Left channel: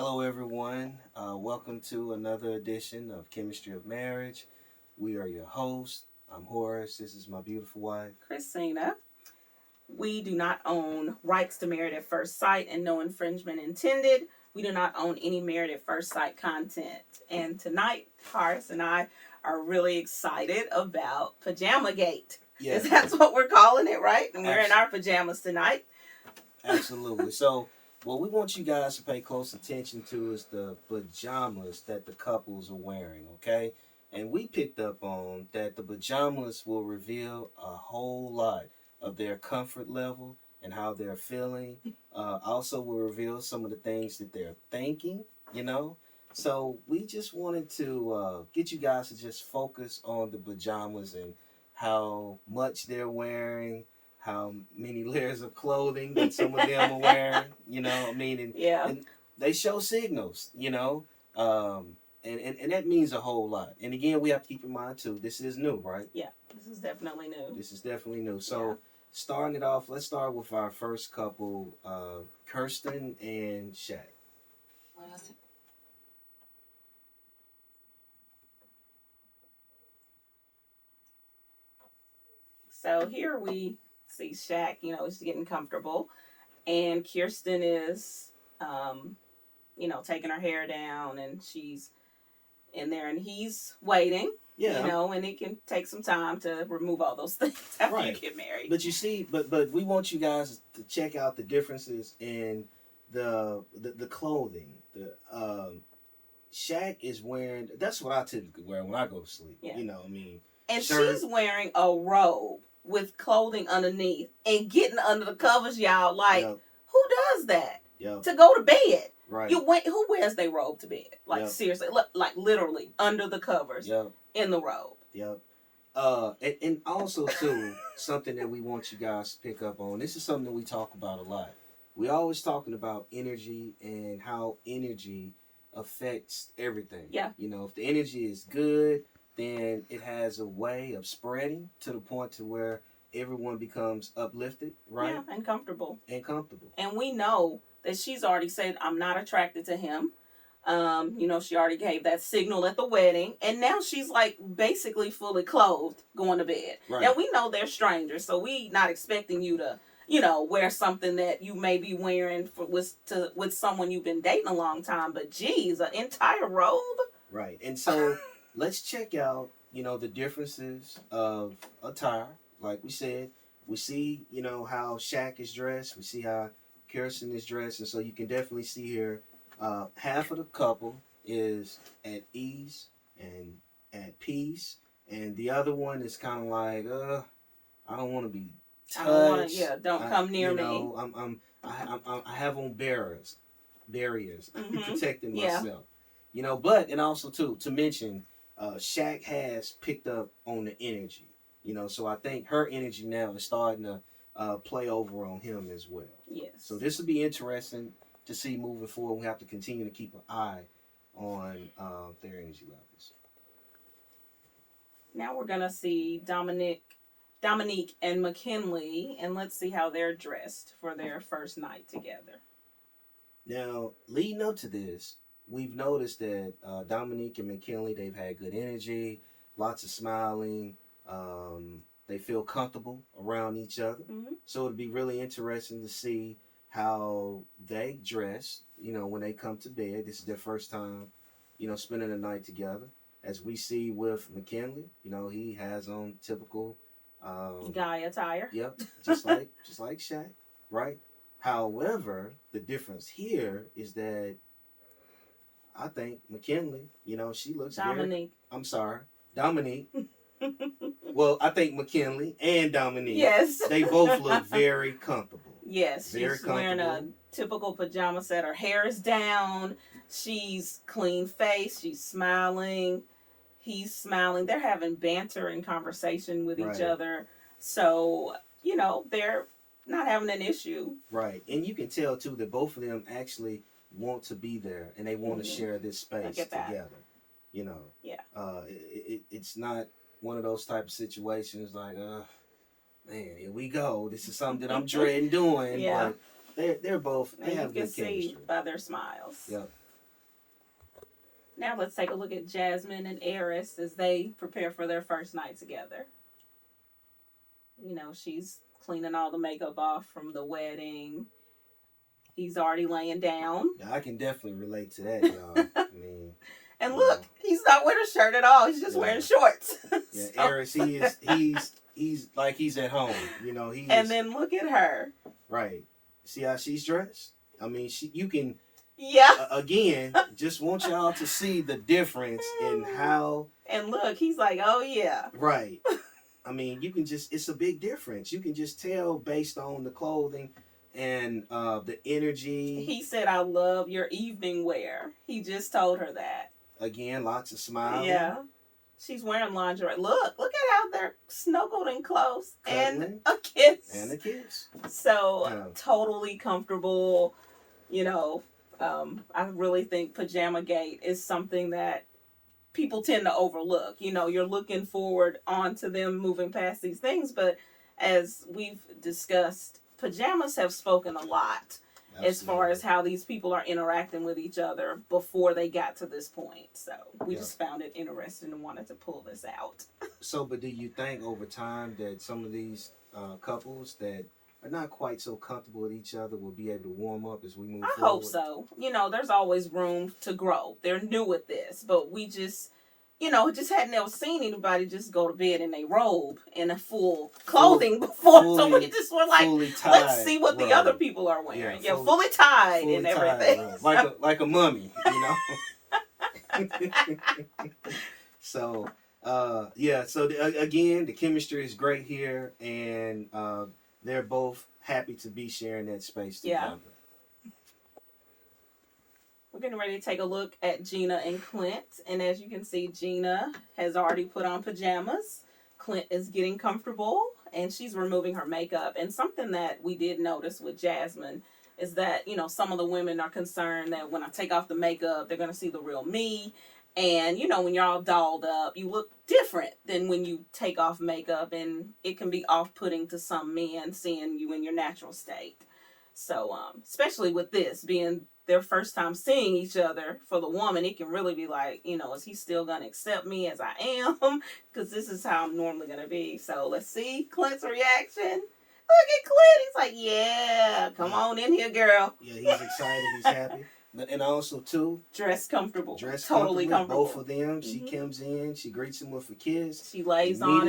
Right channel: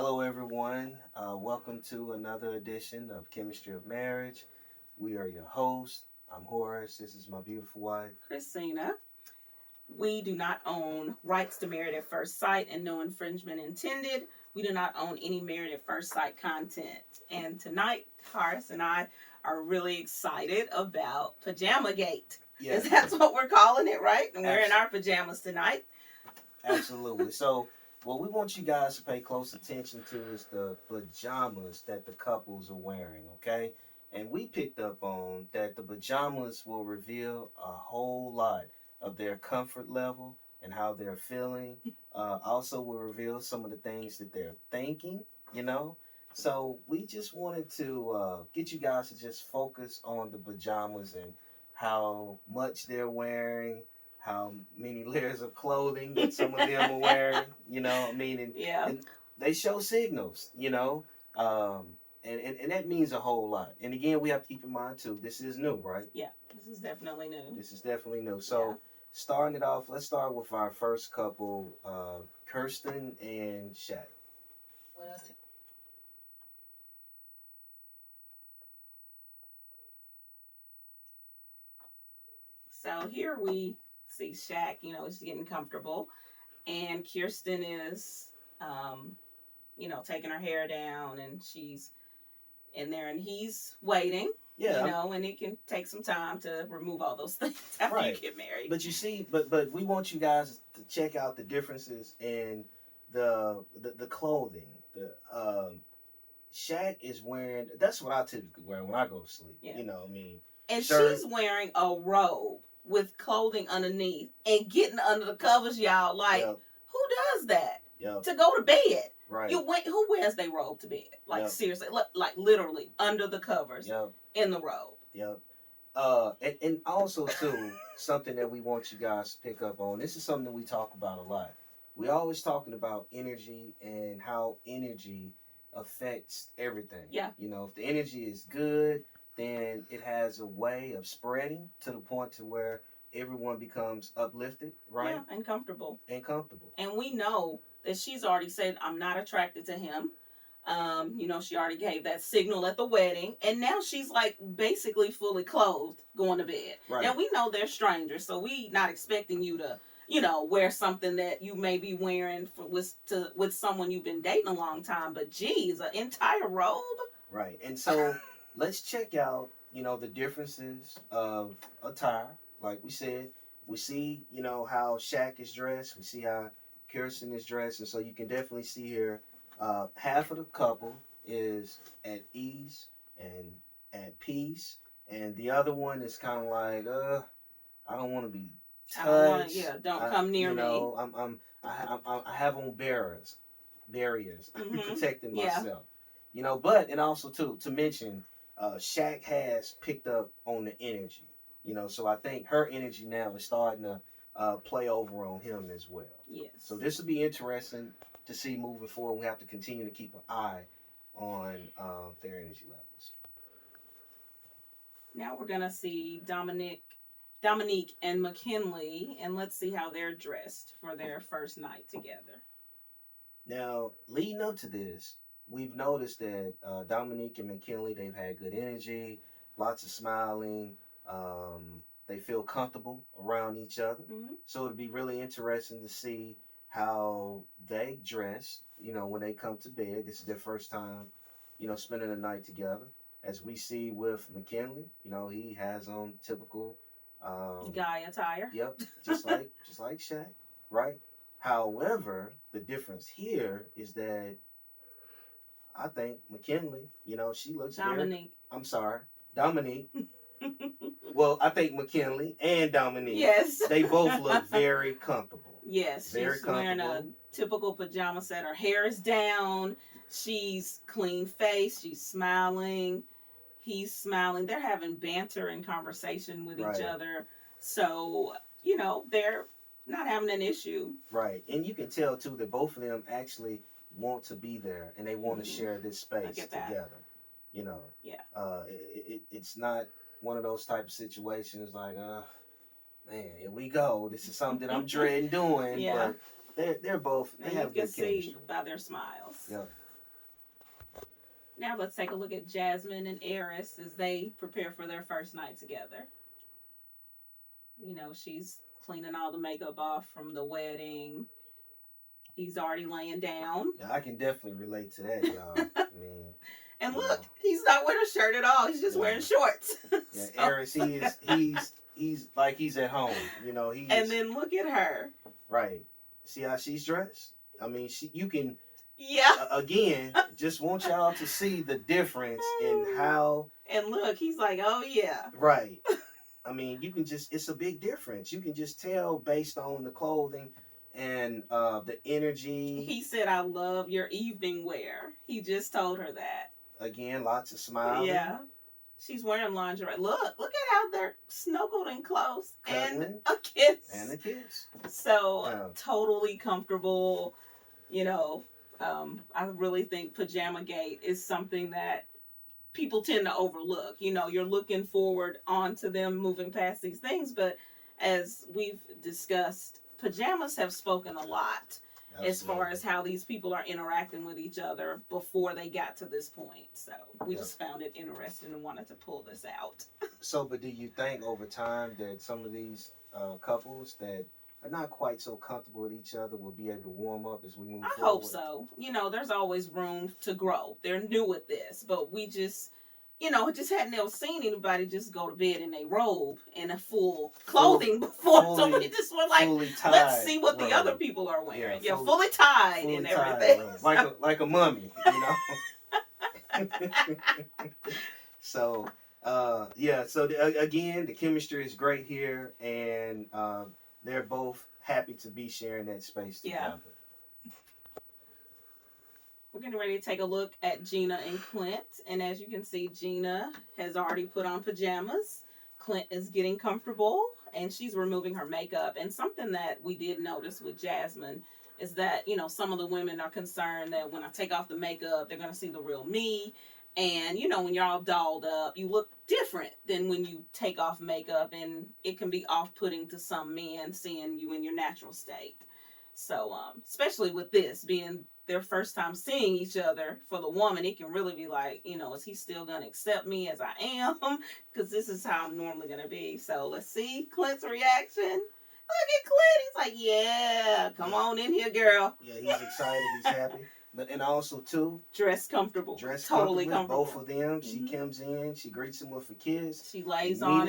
Hello, everyone. Welcome to another edition of Chemistry of Marriage. We are your hosts. I'm Horace. This is my beautiful wife. Christina. We do not own rights to Married at First Sight and no infringement intended. We do not own any Married at First Sight content. And tonight, Horace and I are really excited about Pajama Gate. Yes, Because that's what we're calling it, right? And we're in our pajamas tonight. absolutely. So, what we want you guys to pay close attention to is the pajamas that the couples are wearing, okay? And we picked up on that the pajamas will reveal a whole lot of their comfort level and how they're feeling. Also, will reveal some of the things that they're thinking, you know? So, we just wanted to get you guys to just focus on the pajamas and how much they're wearing, how many layers of clothing that some of them are wearing, Yeah. and they show signals, and that means a whole lot. And again, we have to keep in mind too, this is new, right? Yeah. This is definitely new. This is definitely new. So, Yeah. starting it off, let's start with our first couple, Kirsten and Shaq. What else? So here we see Shaq, is getting comfortable. And Kirsten is, taking her hair down and she's in there and he's waiting. Yeah, And it can take some time to remove all those things after you get married. But you see, but we want you guys to check out the differences in the clothing. The Shaq is wearing. That's what I typically wear when I go to sleep. Yeah. And shirt. she's wearing a robe with clothing underneath and getting under the covers, y'all. Like, who does that? To go to bed. Right. Who wears their robe to bed? Like, seriously, like literally under the covers in the robe. Yep. And also too, something that we want you guys to pick up on. This is something that we talk about a lot. We always talking about energy and how energy affects everything. Yeah. If the energy is good, then it has a way of spreading to the point to where everyone becomes uplifted, right? Yeah, and comfortable. And we know that she's already said, I'm not attracted to him. She already gave that signal at the wedding. And now she's like basically fully clothed going to bed. Right. Now we know they're strangers, so we not expecting you to, wear something that you may be wearing with someone you've been dating a long time. But geez, an entire robe? Right. And so let's check out, the differences of attire. Like we said, we see, how Shaq is dressed. We see how Kirsten is dressed. And so you can definitely see here, half of the couple is at ease and at peace. And the other one is kind of like, I don't want to be touched. Don't come near me. I have on barriers Mm-hmm. protecting myself. But and also too to mention, Shaq has picked up on the energy. So I think her energy now is starting to play over on him as well. Yes. So this will be interesting to see moving forward. We have to continue to keep an eye on their energy levels. Now we're gonna see Dominique and McKinley, and let's see how they're dressed for their first night together. Now, leading up to this, we've noticed that Dominique and McKinley, they've had good energy, lots of smiling. They feel comfortable around each other. Mm-hmm. So it'll be really interesting to see how they dress, when they come to bed. This is their first time, spending the night together. As we see with McKinley, he has on typical guy attire. Yep, just like Shaq, right? However, the difference here is that I think McKinley, she looks Dominique. Dominique. Well, I think McKinley and Dominique. Yes. They both look very comfortable. Yes, very she's wearing a typical pajama set. Her hair is down. She's clean faced. She's smiling. He's smiling. They're having banter and conversation with each other. So, they're not having an issue. Right. And you can tell, too, that both of them actually want to be there and they want to share this space together. Yeah. It's not one of those type of situations like, man, here we go. This is something that I'm dreading doing. Yeah. But they're both, they have good chemistry. You can see by their smiles. Yep. Now let's take a look at Jasmine and Eris as they prepare for their first night together. You know, she's cleaning all the makeup off from the wedding. He's already laying down. Now, I can definitely relate to that, y'all. I mean, and look, he's not wearing a shirt at all. He's just wearing shorts. Yeah, so. Eris, he's like he's at home. You know, And then look at her. Right. See how she's dressed? I mean, you can. Yeah. Again, just want y'all to see the difference in how. And look, he's like, oh yeah. Right. I mean, you can it's a big difference. You can just tell based on the clothing and the energy. He said, I love your evening wear. He just told her that. Again, lots of smiling. Yeah. She's wearing lingerie. Look at how they're snuggled and close. Cuddling. And a kiss. And a kiss. So, totally comfortable. You know, I really think Pajama Gate is something that people tend to overlook. You know, you're looking forward on to them moving past these things. But as we've discussed, pajamas have spoken a lot. Absolutely. As far as how these people are interacting with each other before they got to this point. So we just found it interesting and wanted to pull this out. So, but do you think over time that some of these couples that are not quite so comfortable with each other will be able to warm up as we move forward? I hope so. You know, there's always room to grow. They're new at this, but we just... You know, just hadn't ever seen anybody just go to bed in a robe in a full clothing before. So we just were like, let's see what the other people are wearing. Yeah, fully tied and everything. Like a mummy, you know? So, So, again, the chemistry is great here. And they're both happy to be sharing that space together. Yeah. We're getting ready to take a look at Gina and Clint. And as you can see, Gina has already put on pajamas. Clint is getting comfortable and she's removing her makeup. And something that we did notice with Jasmine is that, you know, some of the women are concerned that when I take off the makeup, they're going to see the real me. And, you know, when you're all dolled up, you look different than when you take off makeup. And it can be off-putting to some men seeing you in your natural state. So, especially with this being their first time seeing each other, for the woman, it can really be like, you know, is he still going to accept me as I am? Because this is how I'm normally going to be. So let's see Clint's reaction. Look at Clint. He's like, yeah, come on in here, girl. Yeah, he's excited. He's happy. But and also, too, dressed comfortable. Totally comfortable. Both of them. She comes in. She greets him with a kiss. She lays on him.